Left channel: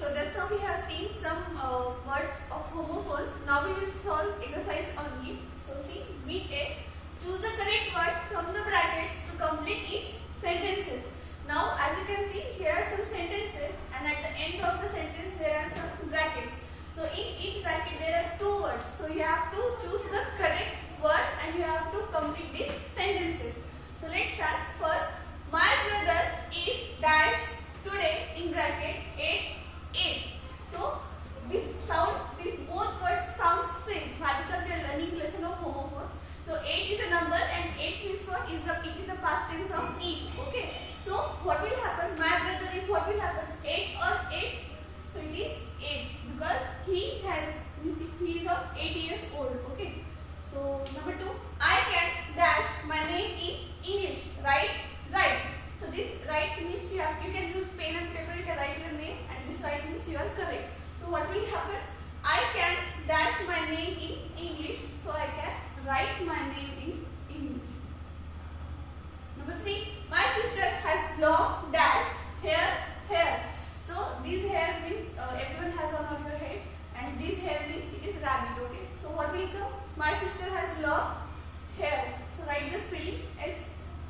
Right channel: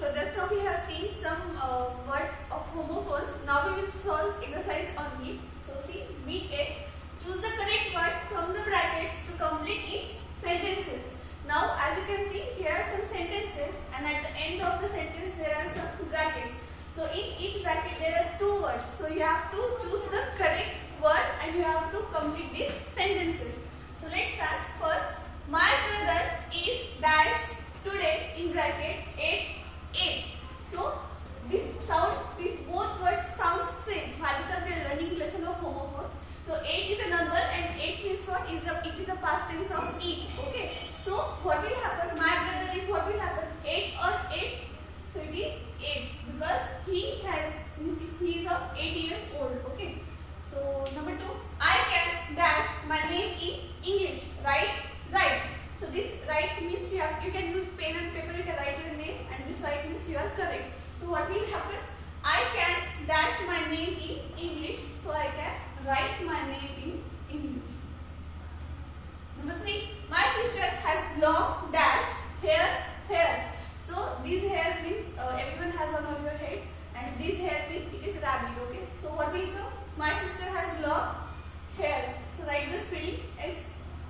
So just now we have seen some words of homophones. Now we will solve exercise on it. So see, meet A. Choose the correct word from the brackets to complete each sentences. Now as you can see, here are some sentences and at the end of the sentence there are some brackets. So in each bracket there are two words. So you have to choose the correct word and you have to complete these sentences. So let's start. First, my brother is dash today in bracket 8. So these both words sound same. Why? Because we are learning lesson of homophones. So 8 is a number and 8 means what? It is a past tense of eat. Okay. So what will happen? My brother is what will happen? 8 or 8. So it is 8 because he is of 8 years old. Okay. So number 2, I can dash my name in English. Right. So this right means you can use pen and paper. You can write your name, and this right means you are correct. So what will happen? I can dash my name in English. So I can write my name in English. Number 3, my sister has long dash hair. So this hair means everyone has on your head, and this hair means it is rabbit. Okay. So what will come? My sister has long hairs. So write the spelling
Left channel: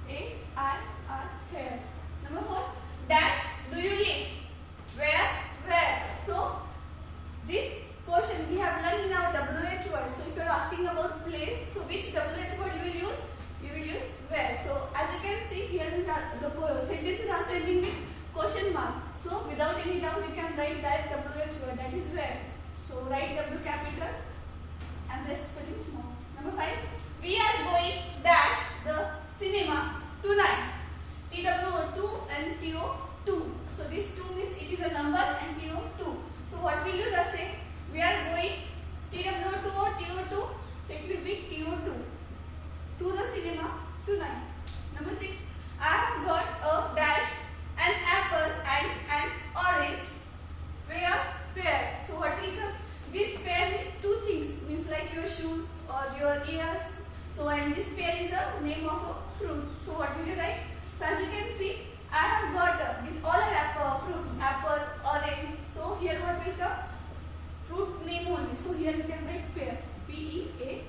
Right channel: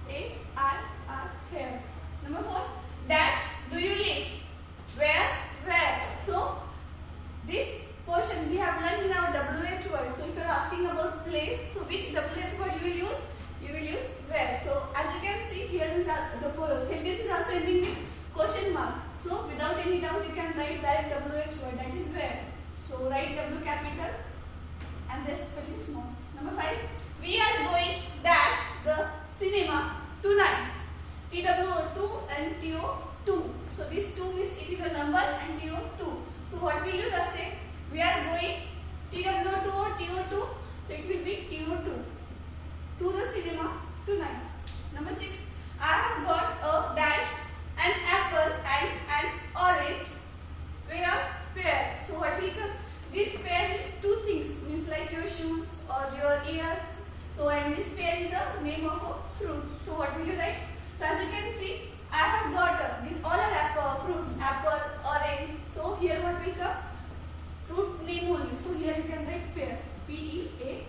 HAIR, hair. Number 4, dash do you live? Where? So this question we have learned in our WH word. So if you are asking about place, so which WH word you will use? You will use where. So as you can see here, the sentence is also ending with question mark. So without any doubt, you can write that WH word, that is where. So write W capital and the spelling small. Number 5, we are going dash the cinema tonight. TWO2 and TO2. So this 2 means it is a number and TO2. So what will you just say? We are going TWO2 or TO2. So it will be TO2 to the cinema tonight. Number 6, I have got a dash, an apple and an orange pair. So what will come? This pair means two things, means like your shoes or your ears. So and this pair is a name of a fruit. So what will you write? So as you can see, I have got this all are fruits, apple, orange. So here what will come? Fruit name only. So here you can write pear, PEAR.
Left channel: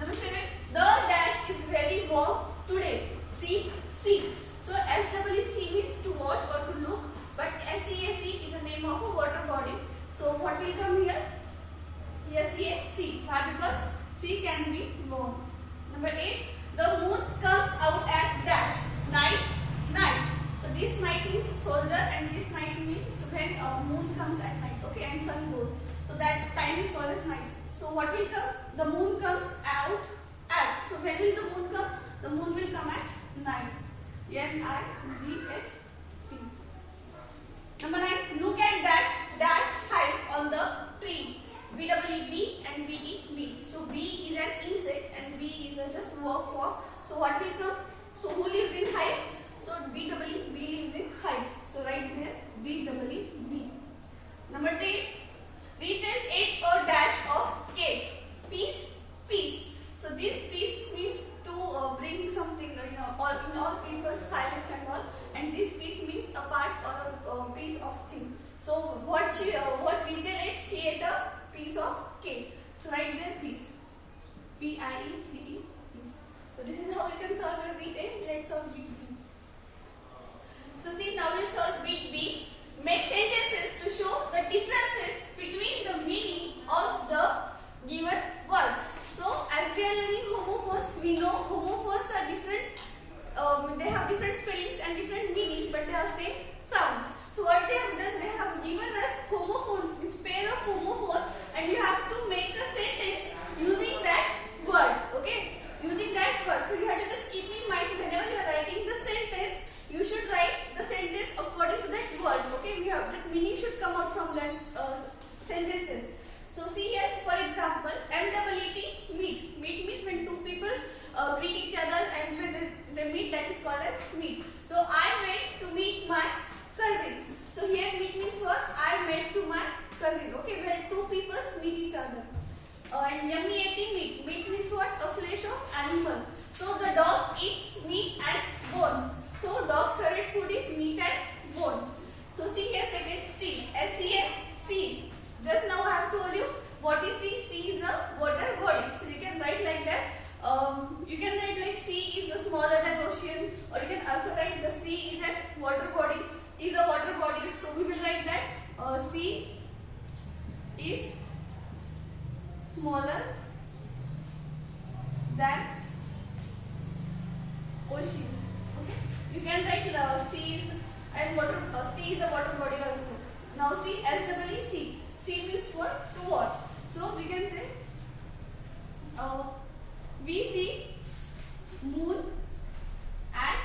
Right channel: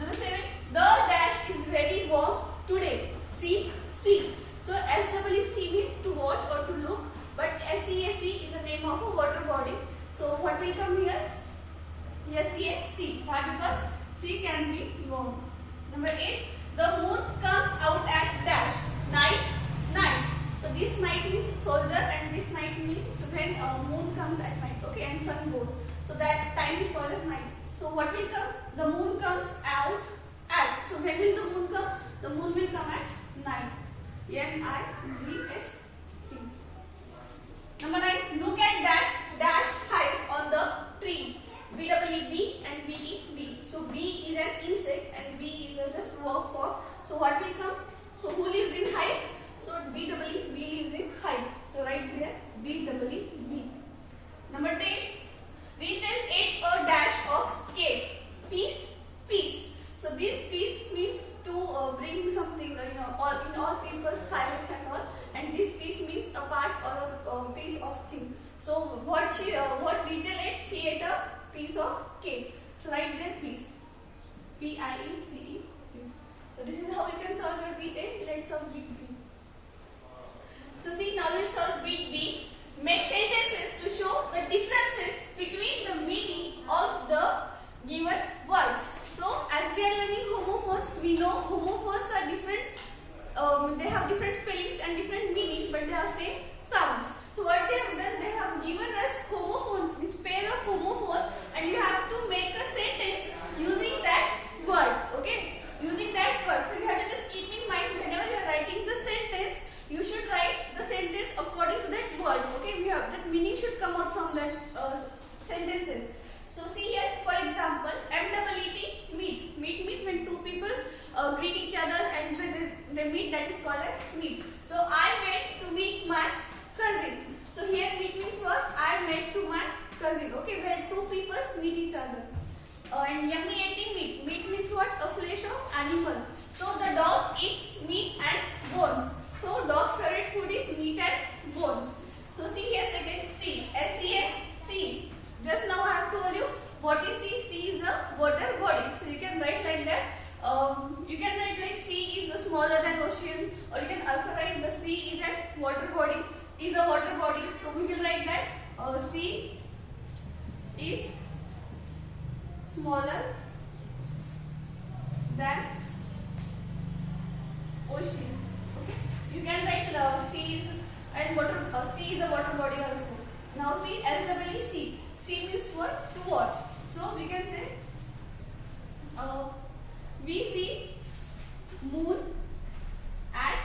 Number 7, the dash is very warm today. See. So SEEC means to watch or to look, but SEAC is a name of a water body. So what will come here? SEAC. Why? Because C can be warm. Number 8, the moon comes out at dash night. So this night means soldier and this night means when moon comes at night. Okay, and sun goes. So that time is called as night. So what will come? The moon comes out at. So when will the moon come? The moon will come at night. NIGHT. Number 9, look at that dash hive on the tree. BEE and BEB. So B is an insect and B is a just verb form. So what will come? So who lives in hive? So BEE, B lives in hive. So right there BEE. Number 10, region 8 or dash of cake. Peace. So this peace means to bring something, in all people's silence and all. And this piece means a part or a piece of thing. So what region ate? She ate a piece of cake. So write there piece. PIECE. Piece. So this is how we can solve your bit A. Let's solve bit B. So see, now we'll solve bit B. Make sentences to show the differences between the meaning of the given words. So as we are learning homophones, we know homophones are different. They have different spellings and different meaning, but they have same sounds. So what they have done, they have given us homophones, this pair of homophone, and you have to make a sentence using that word. Okay, using that word. So you have to just keep in mind whenever you are writing the sentence, you should write the sentence according to that word. Okay, that meaning should come out from that sentences. So see here, for example, MEET, meet. Meet means when two people greet each other and when they meet, that is called as meet. So I went to meet my cousin. So here meet means what? I went to my cousin. Okay, where two people meet each other. And MEAT, meat. Meat means what? A flesh of animal. So the dog eats meat and bones. So dog's favorite food is meat and bones. So see here second. C is smaller than ocean. Okay, you can write C is and water. C is a water body also. Now see, SEE. C means what? To watch. So we can say we see moon at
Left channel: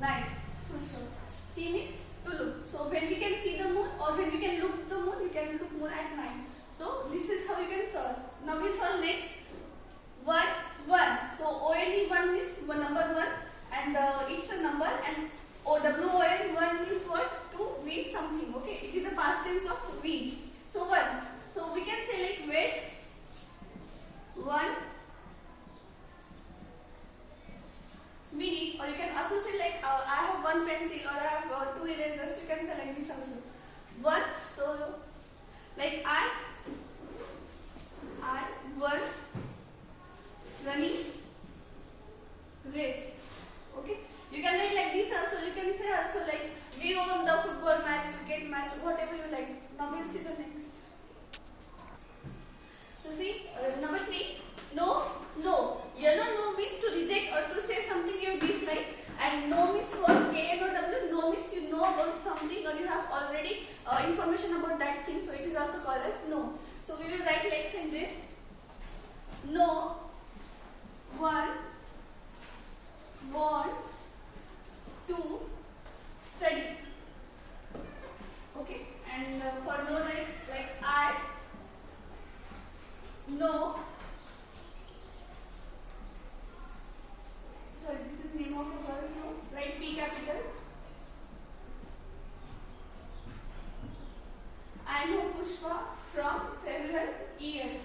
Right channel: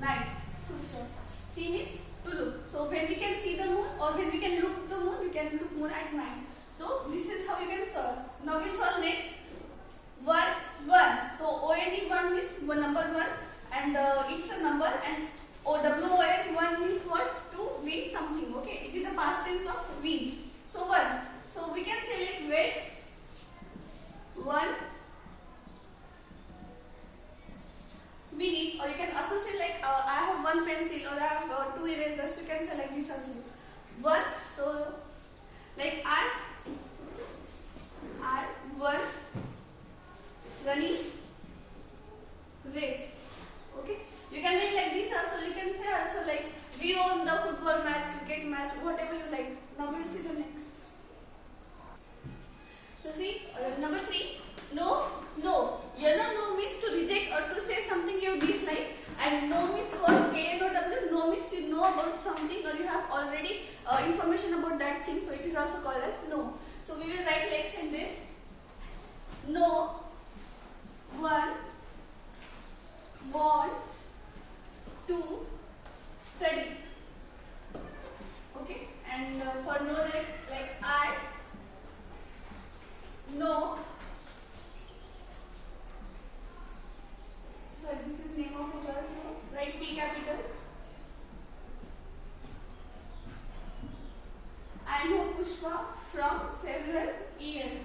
night. Full stop. C means to look. So when we can see the moon or when we can look the moon, we can look moon at night. So this is how we can solve. Now we'll solve next. 1. So OND 1 is number 1 and it's a number, and WON 1 means what? To win something. Okay, it is a past tense of win. So 1. So we can say like wait 1 minute, or you can also say like I have 1 pencil or I have 2 erasers. You can say like this also. 1. So like I 1 running race. Okay, you can write like this also. You can say also like we won the football match, cricket match, whatever you like. Now we'll see the next. So see, number 3. No. Yellow no means to reject or to say something you dislike, and no means what? KNOW. No means you know about something or you have already information about that thing. So it is also called as no. So we will write like in this. No one wants to study. Okay, and for no like I know. So this is name of a girl. So write P capital. I know Pushpa from several years.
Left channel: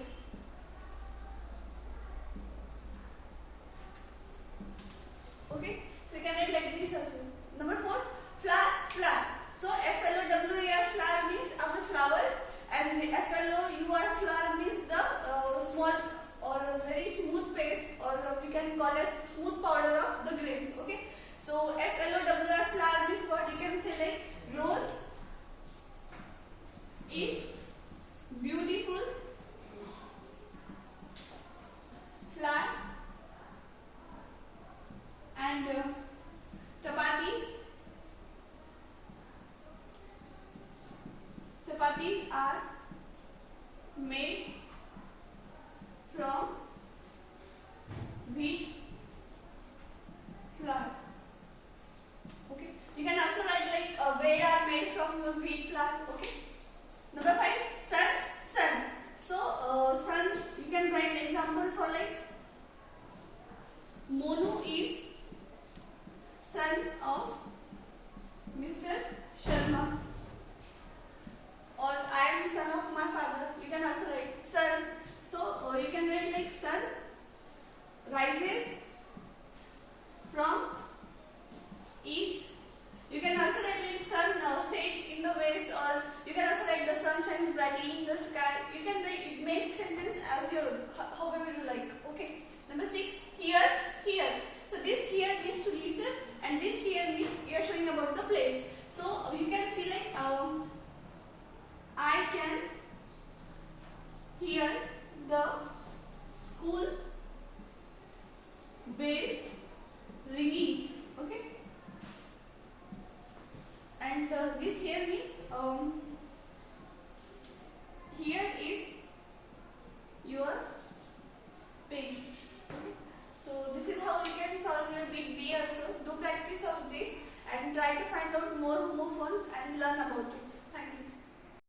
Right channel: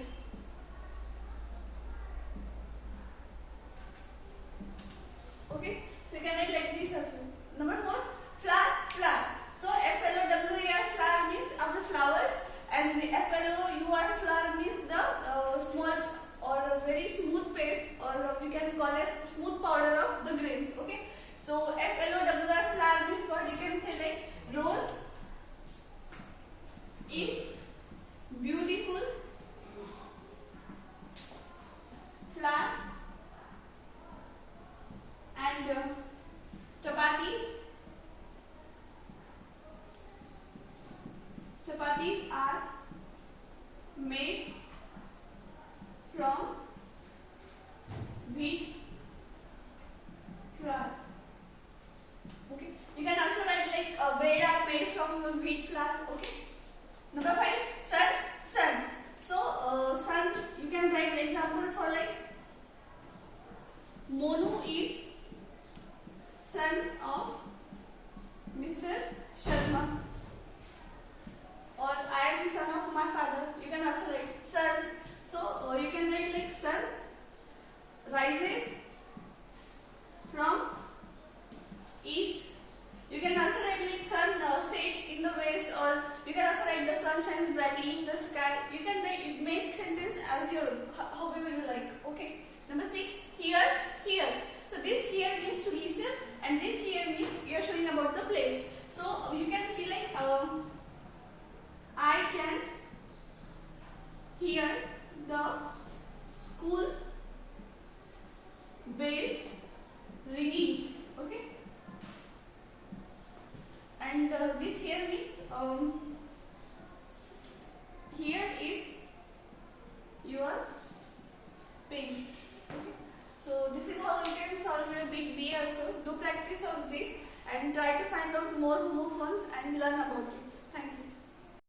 Okay, so you can write like this also. Number 4, flower. So FLOWER, flower means our flowers, and the FLOUR, flower means the small or a very smooth paste, or we can call as smooth powder of the grains. Okay, so FLOWER, flower means what? You can say like rose is beautiful flower, and chapatis are made from wheat flour. Okay, you can also write like bread are made from wheat flour. Okay, number 5, sun. So sun, you can write example for like Monu is son of Mr. Sharma, or I am son of my father. You can also write sun. So you can write like sun rises from east. You can also write like sun sets in the west, or you can also write the sun shines brightly in the sky. You can write, make sentence as your however you like. Okay. Number 6, here. So this here means to listen, and this here means you are showing about the place. So you can see like I can hear the school bell ringing. Okay, and this here means here is your pen. Okay. So this is how you can solve your bit B also. Do practice of this and try to find out more homophones and learn about it.